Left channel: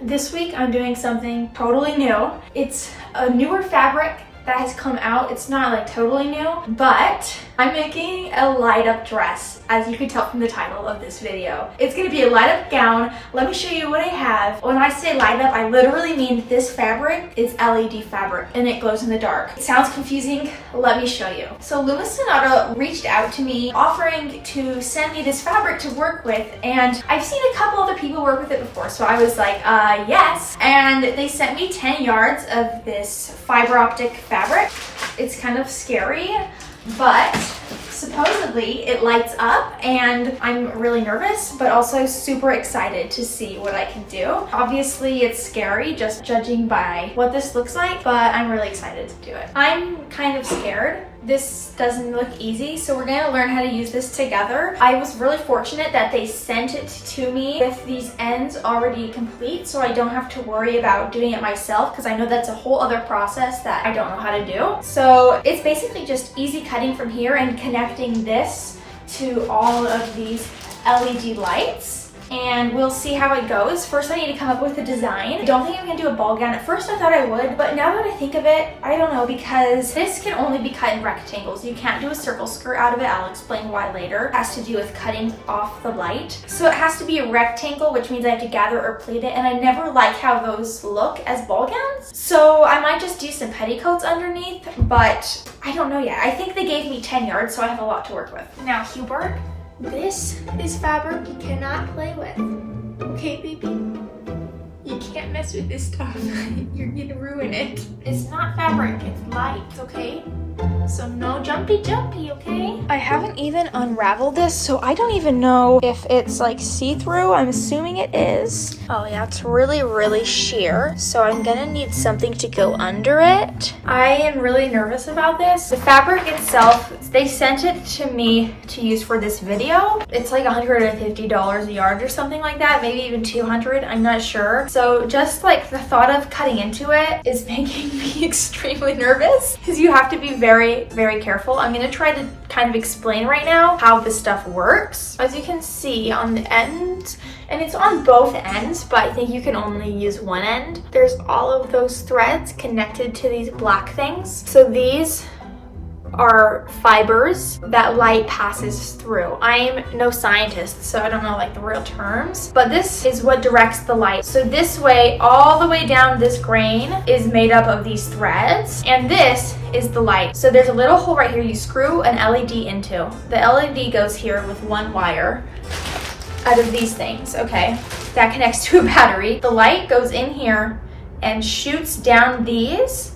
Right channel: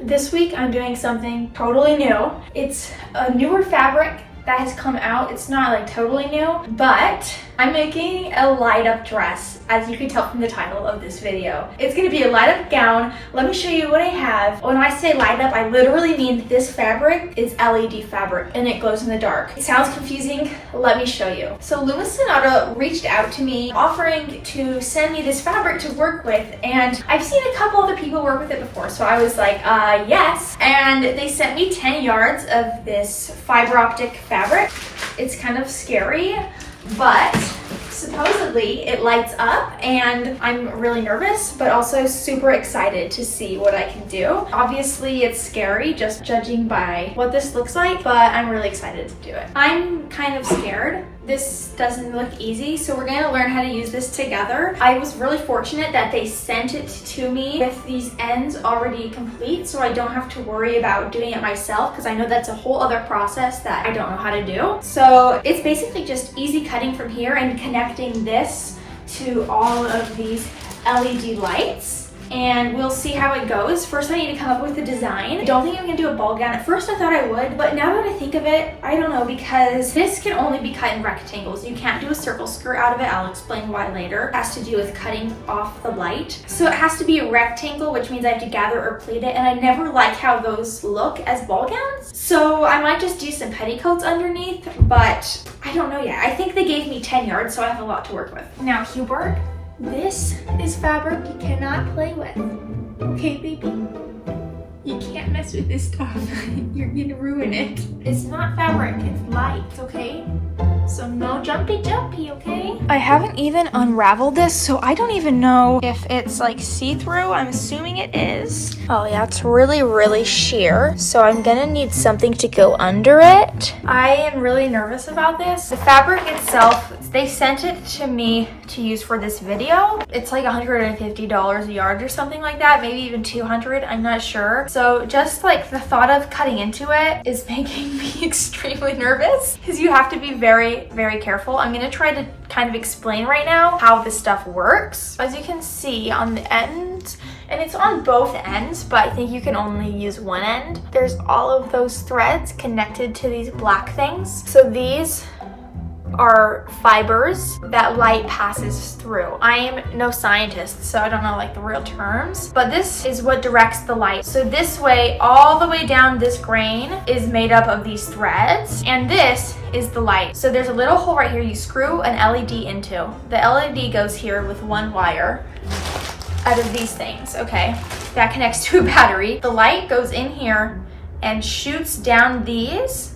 This week I'm doing something totally new. It's a newer fabric that has come out. It's not like totally new, but I'm making a light up dress, as you can tell from the title of this video. It's gonna be a light up gown. Let me show you what I have. When I say light up, I literally mean this fabric is LED fabric and it glows in the dark. It sounds confusing, let me show you. So Luma Sonata reached out to me offering to send me this fabric to work with, and I've seen a couple other people work with it before, so I was like, yes. And they sent me 10 yards of this fiber optic fabric. It's kind of scary, but supposedly it lights up, and I'm really nervous but also super excited to see what I can do. Obviously it's scary just judging by what this looks like, but I'm really excited to do it. I'm kind of scared. This doesn't look easy, so we're gonna learn how to use this together. I was really fortunate that they sent it to me with these ends already complete, so I don't have to worry about doing it myself, because I know that's a whole other process that I don't know how to do. So it's basically just easy cutting from here and connecting this to all of these LED lights. And we'll see how it goes. First, I need to come up with a design. I don't think I'm gonna do a ball gown. At first, I thought I would, but now that I think of it, I don't know, because this can only be cut in rectangles. You can't do a circle skirt out of it. I'll explain why later. It has to do with cutting off the light. So it has to be a rectangle, which means I have to gather or pleat it, and I never like how those look as ball gowns. So I might just do some petticoats underneath, but I don't know yet. I think they gave me 10 yards, so I have a lot to work with. Now, Hubert, this is fabric you cannot play with. Okay, baby? You can't mess with this stuff. You're gonna ruin it. It's not fabric, it's light, okay? So no jumpy, okay? I haven't even unraveled this, so I don't even know if it's like see-through. I'm assuming it is. Oh yeah, it's really sheer. So I'm gonna need something to go under it. I am really nervous about this. The fabric itself, they sent it to me to use for this video. It's like $150 a yard or something like that, maybe even 200, I'm not sure. So just like the thought of cutting into it is making me extremely nervous, because you have to be very careful. I'm gonna try to kind of explain right now how this stuff works. As you can see on the end, and it's on both ends, but I think you can only use one end. There's all of those threads connected to these black things. So these are fibers that light passes through. I'm no scientist, so I don't know like the real terms, but this is what directs the light. So this way, all the way down this grain is made up of these threads, and this is the light. So there's a little hole right here you screw an LED into. The LED goes here with one wire out of these things, okay? That connects to a battery. The light goes in here and shoots down these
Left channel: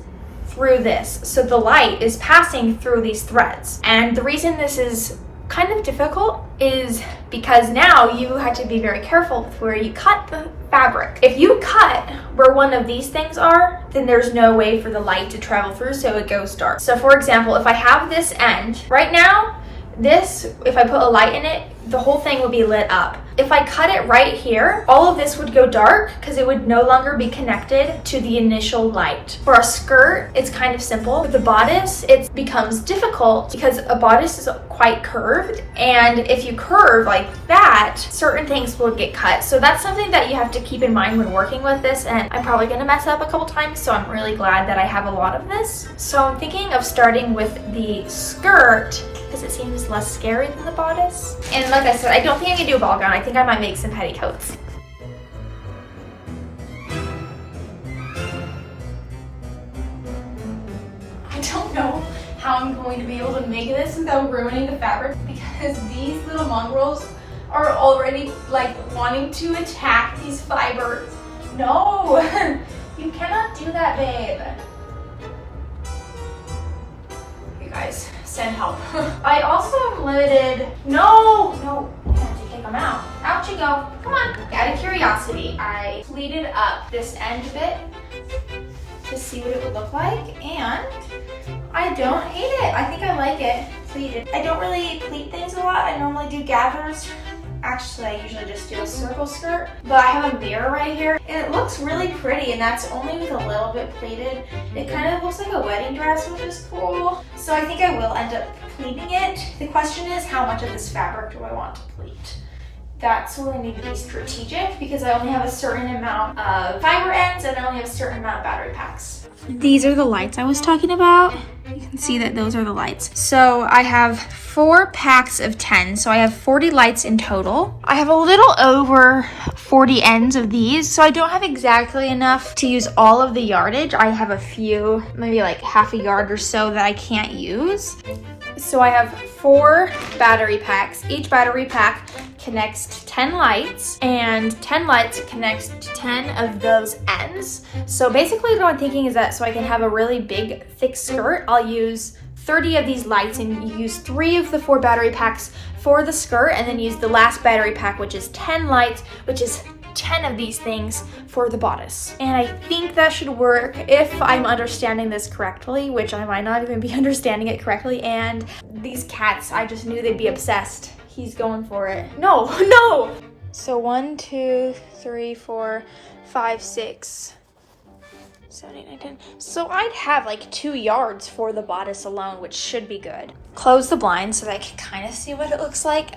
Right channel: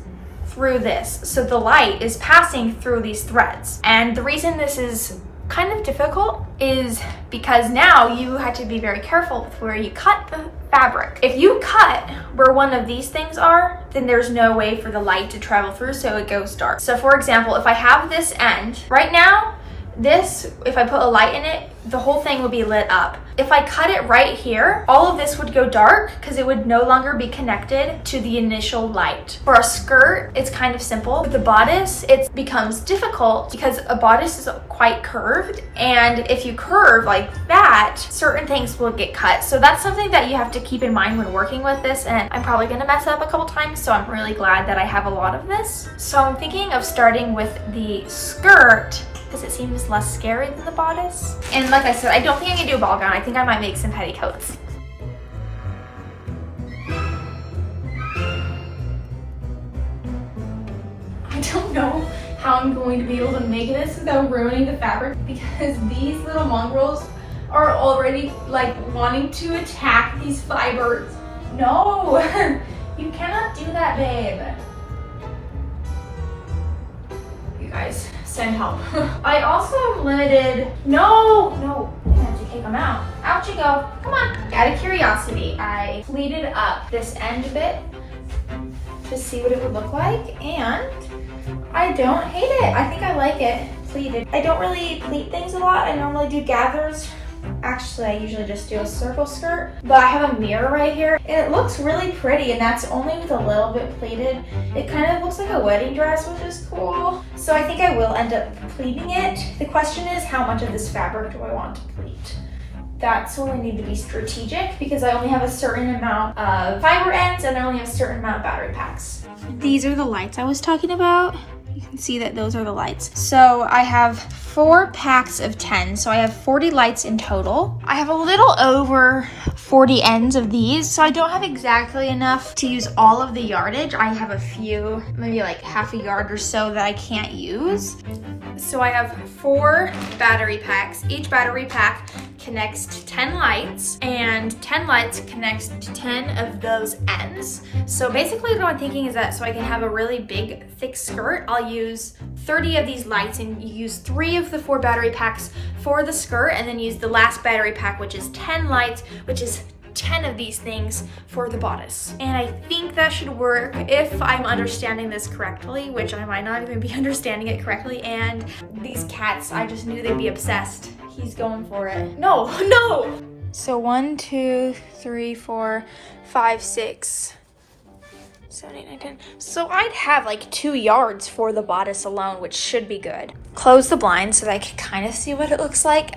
through this. So the light is passing through these threads. And the reason this is kind of difficult is because now you have to be very careful with where you cut the fabric. If you cut where one of these things are, then there's no way for the light to travel through, so it goes dark. So for example, if I have this end, right now, this, if I put a light in it, the whole thing would be lit up. If I cut it right here, all of this would go dark because it would no longer be connected to the initial light. For a skirt, it's kind of simple. With the bodice, it becomes difficult because a bodice is quite curved, and if you curve like that, certain things will get cut. So that's something that you have to keep in mind when working with this, and I'm probably gonna mess up a couple times, so I'm really glad that I have a lot of this. So I'm thinking of starting with the skirt because it seems less scary than the bodice. And like I said, I don't think I can do a ball gown. I think I might make some petticoats. I don't know how I'm going to be able to make this without ruining the fabric, because these little mongrels are already like wanting to attack these fibers. No, you cannot do that, babe. You guys, send help. I also am limited. No, you have to kick them out. Out you go. Come on. Out of curiosity, I pleated up this end of it to see what it would look like, and I don't hate it. I think I like it pleated. I don't really pleat things a lot. I normally do gathers. Actually, I usually just do a circle skirt, but I have a mirror right here, and it looks really pretty, and that's only with a little bit pleated. It kind of looks like a wedding dress, which is cool. So I think I will end up pleating it. The question is, how much of this fabric do I want to pleat? That's where we need to be strategic because I only have a certain amount of fiber ends and I only have a certain amount of battery packs. These are the lights I was talking about. You can see that those are the lights. So I have 4 packs of 10, so I have 40 lights in total. I have a little over 40 ends of these, so I don't have exactly enough to use all of the yardage. I have a few, maybe like half a yard or so that I can't use. So I have 4 battery packs. Each battery pack connects to 10 lights, and 10 lights connects to 10 of those ends. So basically what I'm thinking is that so I can have a really big, thick skirt, I'll use 30 of these lights and use 3 of the 4 battery packs for the skirt, and then use the last battery pack, which is 10 lights, which is 10 of these things for the bodice. And I think that should work if I'm understanding this correctly, which I might not even be understanding it correctly. And these cats, I just knew they'd be obsessed. He's going for it. No, no! So 1, 2, 3, 4, 5, 6, 7, 8, 9, 10. So I'd have like 2 yards for the bodice alone, which should be good. Close the blinds so that I can kind of see what it looks like.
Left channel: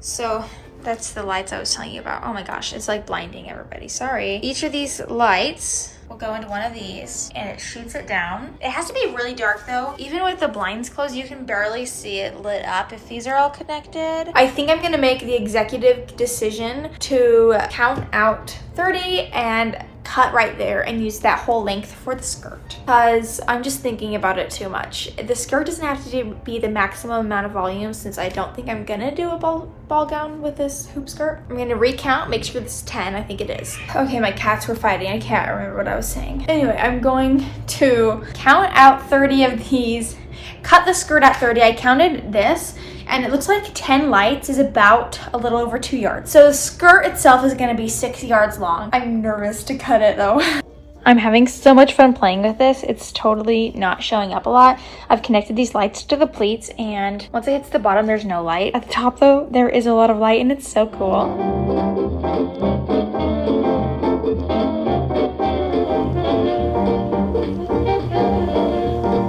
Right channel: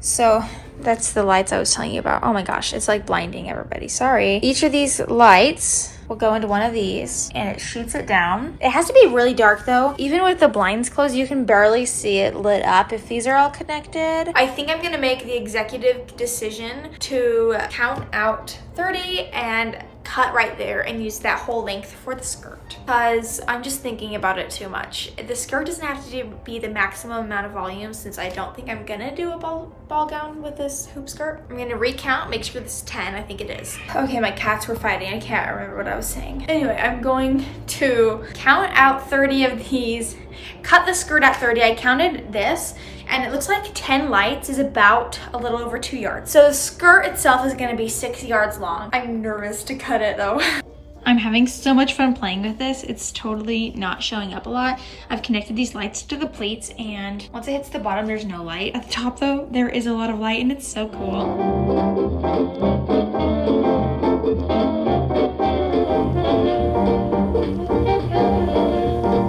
So that's the lights I was telling you about. Oh my gosh, it's like blinding everybody. Sorry. Each of these lights will go into one of these and it shoots it down. It has to be really dark though. Even with the blinds closed, you can barely see it lit up if these are all connected. I think I'm gonna make the executive decision to count out 30 and cut right there and use that whole length for the skirt because I'm just thinking about it too much. The skirt doesn't have to be the maximum amount of volume since I don't think I'm gonna do a ball gown with this hoop skirt. I'm gonna recount, make sure this is 10, I think it is. Okay, my cats were fighting, I can't remember what I was saying. Anyway, I'm going to count out 30 of these, cut the skirt at 30. I counted this, and it looks like 10 lights is about a little over 2 yards. So the skirt itself is gonna be 6 yards long. I'm nervous to cut it though. I'm having so much fun playing with this. It's totally not showing up a lot. I've connected these lights to the pleats, and once it hits the bottom, there's no light. At the top though, there is a lot of light and it's so cool.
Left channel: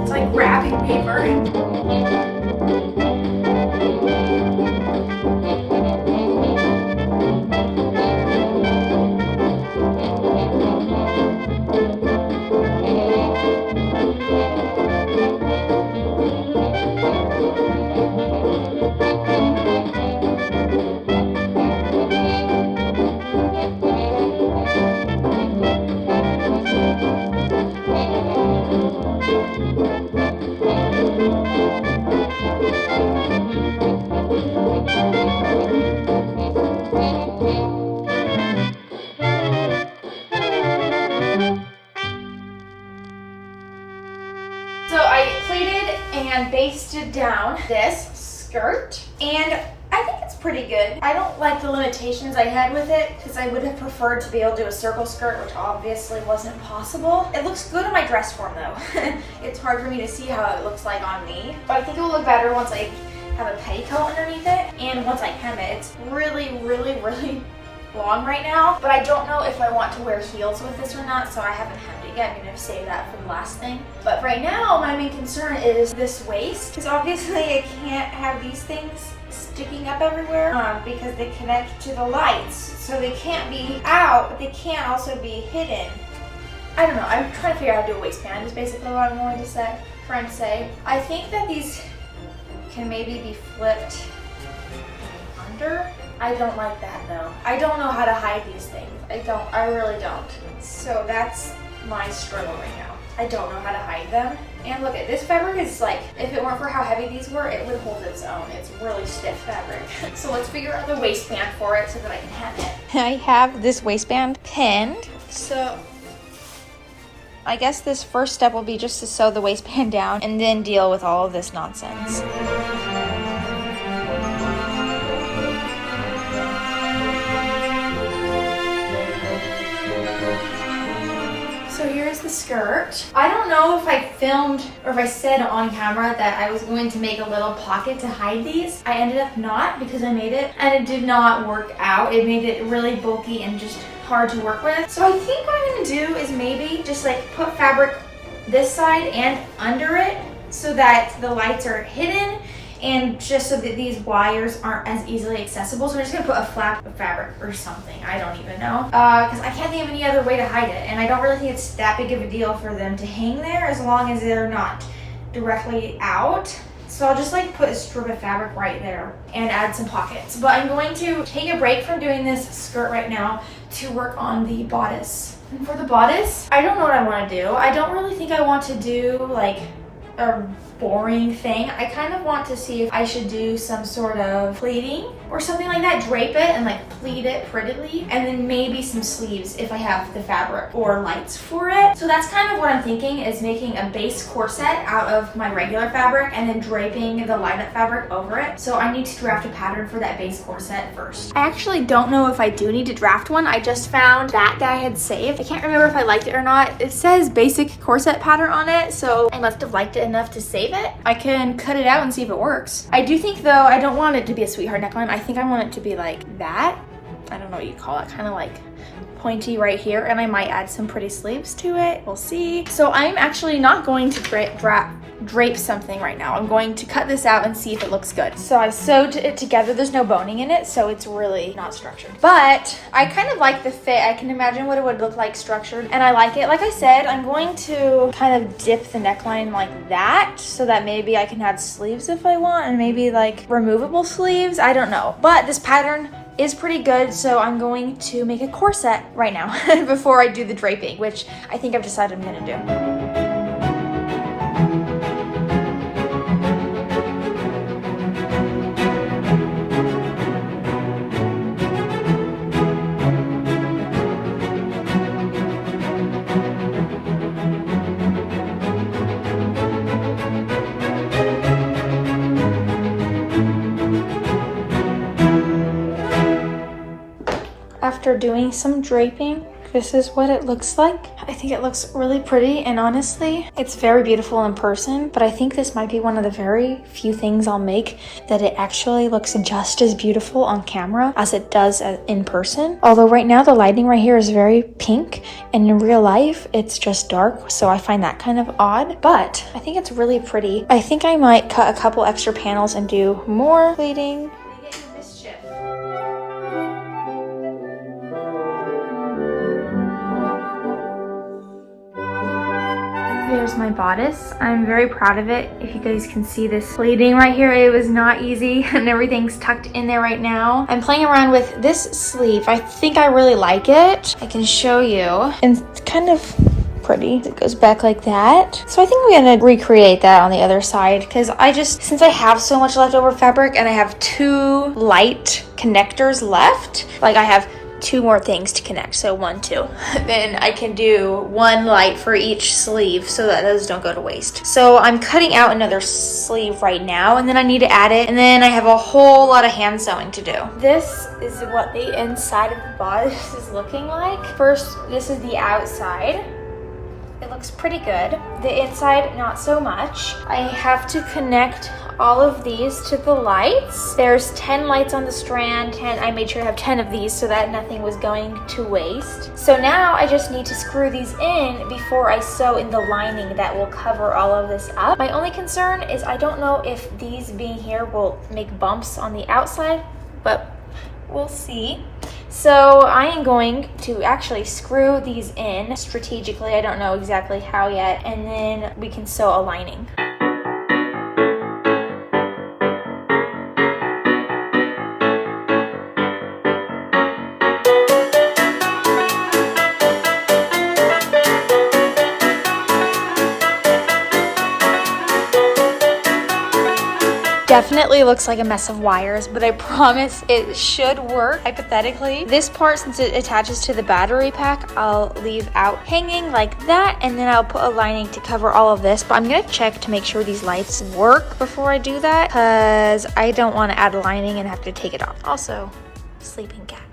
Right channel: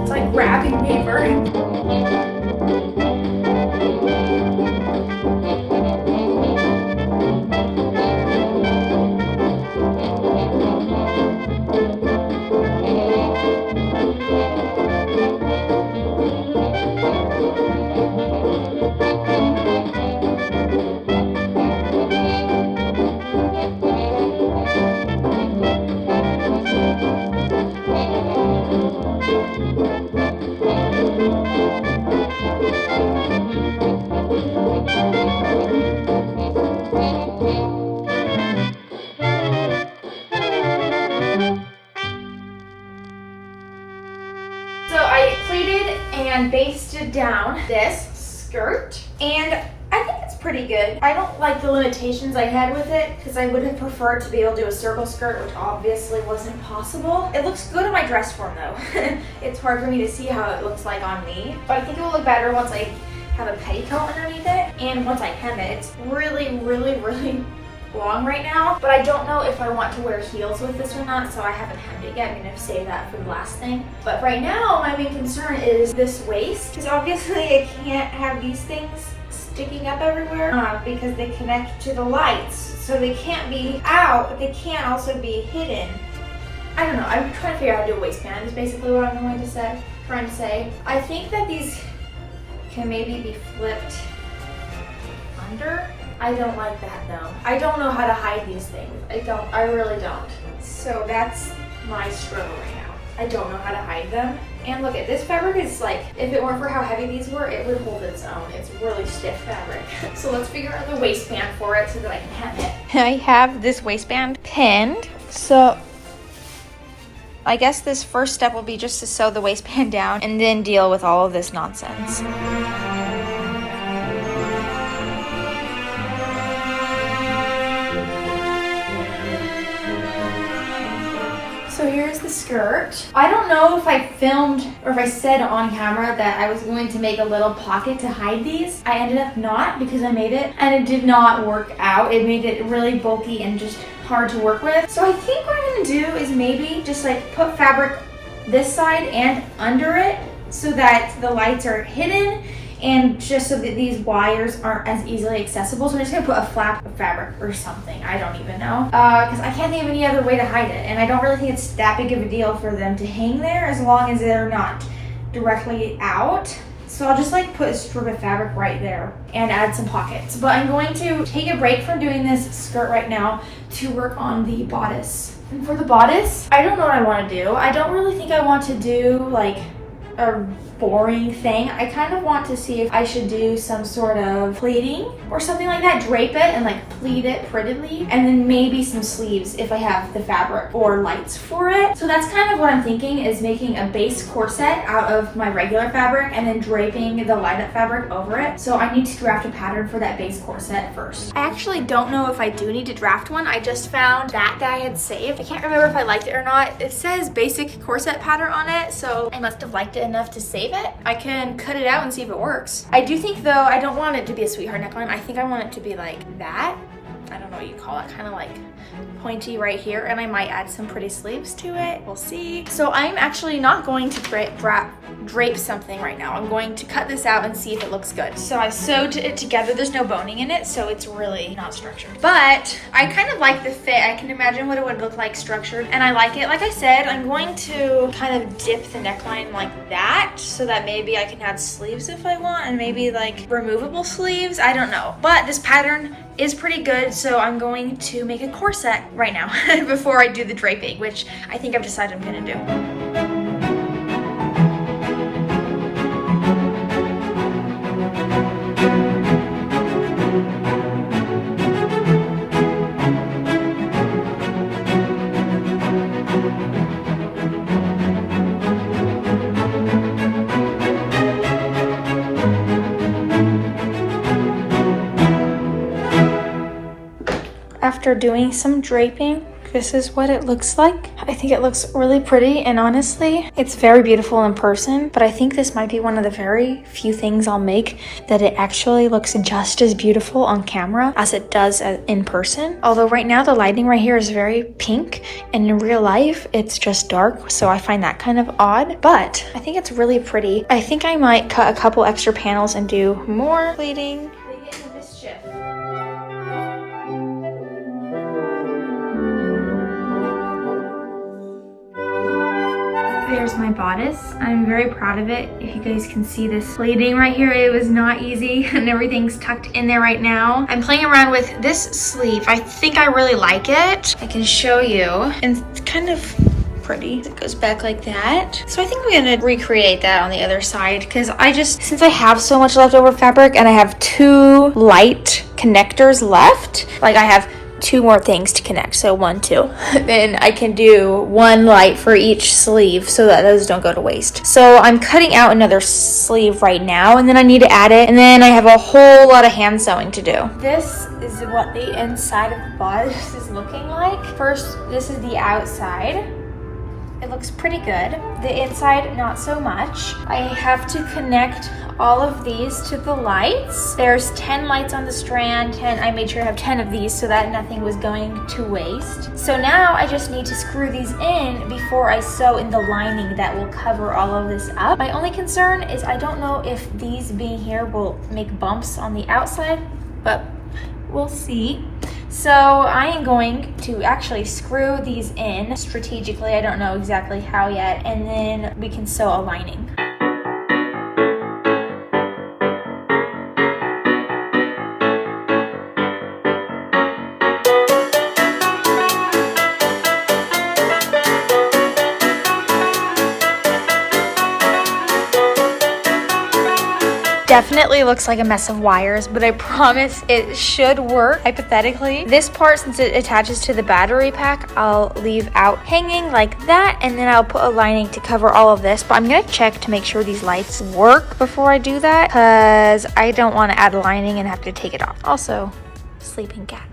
It's like wrapping paper. And basted down this skirt, and I think it's pretty good. I don't like the limitations I had with it because I would have preferred to be able to do a circle skirt, which obviously wasn't possible. It looks good in my dress form though. It's hard for me to see how it looks like on me, but I think it will look better once I have a petticoat underneath it and once I hem it. It's really long right now, but I don't know if I want to wear heels with this or not, so I haven't hemmed it yet. I'm gonna save that for the last thing. But right now, my main concern is this waist, because obviously I can't have these things sticking up everywhere because they connect to the lights, so they can't be out, but they can't also be hidden. I don't know, I'm trying to figure out how to do a waistband is basically what I'm trying to say. I think that these can maybe be flipped under. I don't like that though. I don't know how to hide these things. I really don't. So that's my struggle right now. I don't know how to hide them. And look at this fabric is like, if it weren't for how heavy these were, it would hold its own. It's really stiff fabric. So let's figure out the waistband for it so that I can hem it. I have this waistband pinned. So I guess this first step will be just to sew the waistband down and then deal with all of this nonsense. So here's the skirt. I don't know if I filmed or if I said on camera that I was going to make a little pocket to hide these. I ended up not because I made it and it did not work out. It made it really bulky and just hard to work with. So I think what I'm gonna do is maybe just like put fabric this side and under it so that the lights are hidden and just so that these wires aren't as easily accessible. So I'm just gonna put a flap of fabric or something. I don't even know, because I can't think of any other way to hide it, and I don't really think it's that big of a deal for them to hang there as long as they're not directly out. So I'll just like put a strip of fabric right there and add some pockets. But I'm going to take a break from doing this skirt right now to work on the bodice. And for the bodice, I don't know what I want to do. I don't really think I want to do like a boring thing. I kind of want to see if I should do some sort of pleating or something like that, drape it and like pleat it prettily, and then maybe some sleeves if I have the fabric or lights for it. So that's kind of what I'm thinking, is making a base corset out of my regular fabric and then draping the light up fabric over it. So I need to draft a pattern for that base corset first. I actually don't know if I do need to draft one. I just found that I had saved. I can't remember if I liked it or not. It says basic corset pattern on it, so I must have liked it enough to save it. I can cut it out and see if it works. I do think though, I don't want it to be a sweetheart neckline. I think I want it to be like that. I don't know what you call it, kind of like pointy right here, and I might add some pretty sleeves to it. We'll see. So I'm actually not going to drape something right now. I'm going to cut this out and see if it looks good. So I sewed it together. There's no boning in it, so it's really not structured. But I kind of like the fit. I can imagine what it would look like structured, and I like it. Like I said, I'm going to kind of dip the neckline like that so that maybe I can add sleeves if I want, and maybe like removable sleeves. I don't know. But this pattern is pretty good, so I'm going to make a corset right now before I do the draping, which I think I've decided I'm gonna do. After doing some draping, this is what it looks like. I think it looks really pretty, and honestly, it's very beautiful in person, but I think this might be one of the very few things I'll make that it actually looks just as beautiful on camera as it does in person. Although right now the lighting right here is very pink, and in real life it's just dark, so I find that kind of odd, but I think it's really pretty. I think I might cut a couple extra panels and do more pleating. There's my bodice. I'm very proud of it. If you guys can see this pleating right here, it was not easy, and everything's tucked in there right now. I'm playing around with this sleeve. I think I really like it. I can show you. And it's kind of pretty. It goes back like that. So I think I'm gonna recreate that on the other side, because since I have so much leftover fabric and I have 2 light connectors left, like I have 2 more things to connect, so 1, 2. Then I can do 1 light for each sleeve so that those don't go to waste. So I'm cutting out another sleeve right now, and then I need to add it, and then I have a whole lot of hand sewing to do. This is what the inside of the bodice is looking like. First, this is the outside. It looks pretty good. The inside, not so much. I have to connect all of these to the lights. There's 10 lights on the strand, and I made sure I have 10 of these so that nothing was going to waste. So now I just need to screw these in before I sew in the lining that will cover all of this up. My only concern is I don't know if these being here will make bumps on the outside, but we'll see. So I am going to actually screw these in strategically. I don't know exactly how yet, and then we can sew a lining. Definitely looks like a mess of wires, but I promise it should work hypothetically. This part, since it attaches to the battery pack, I'll leave out hanging like that, and then I'll put a lining to cover all of this. But I'm gonna check to make sure these lights work before I do that, because I don't want to add a lining and have to take it off. Also, sleeping cat.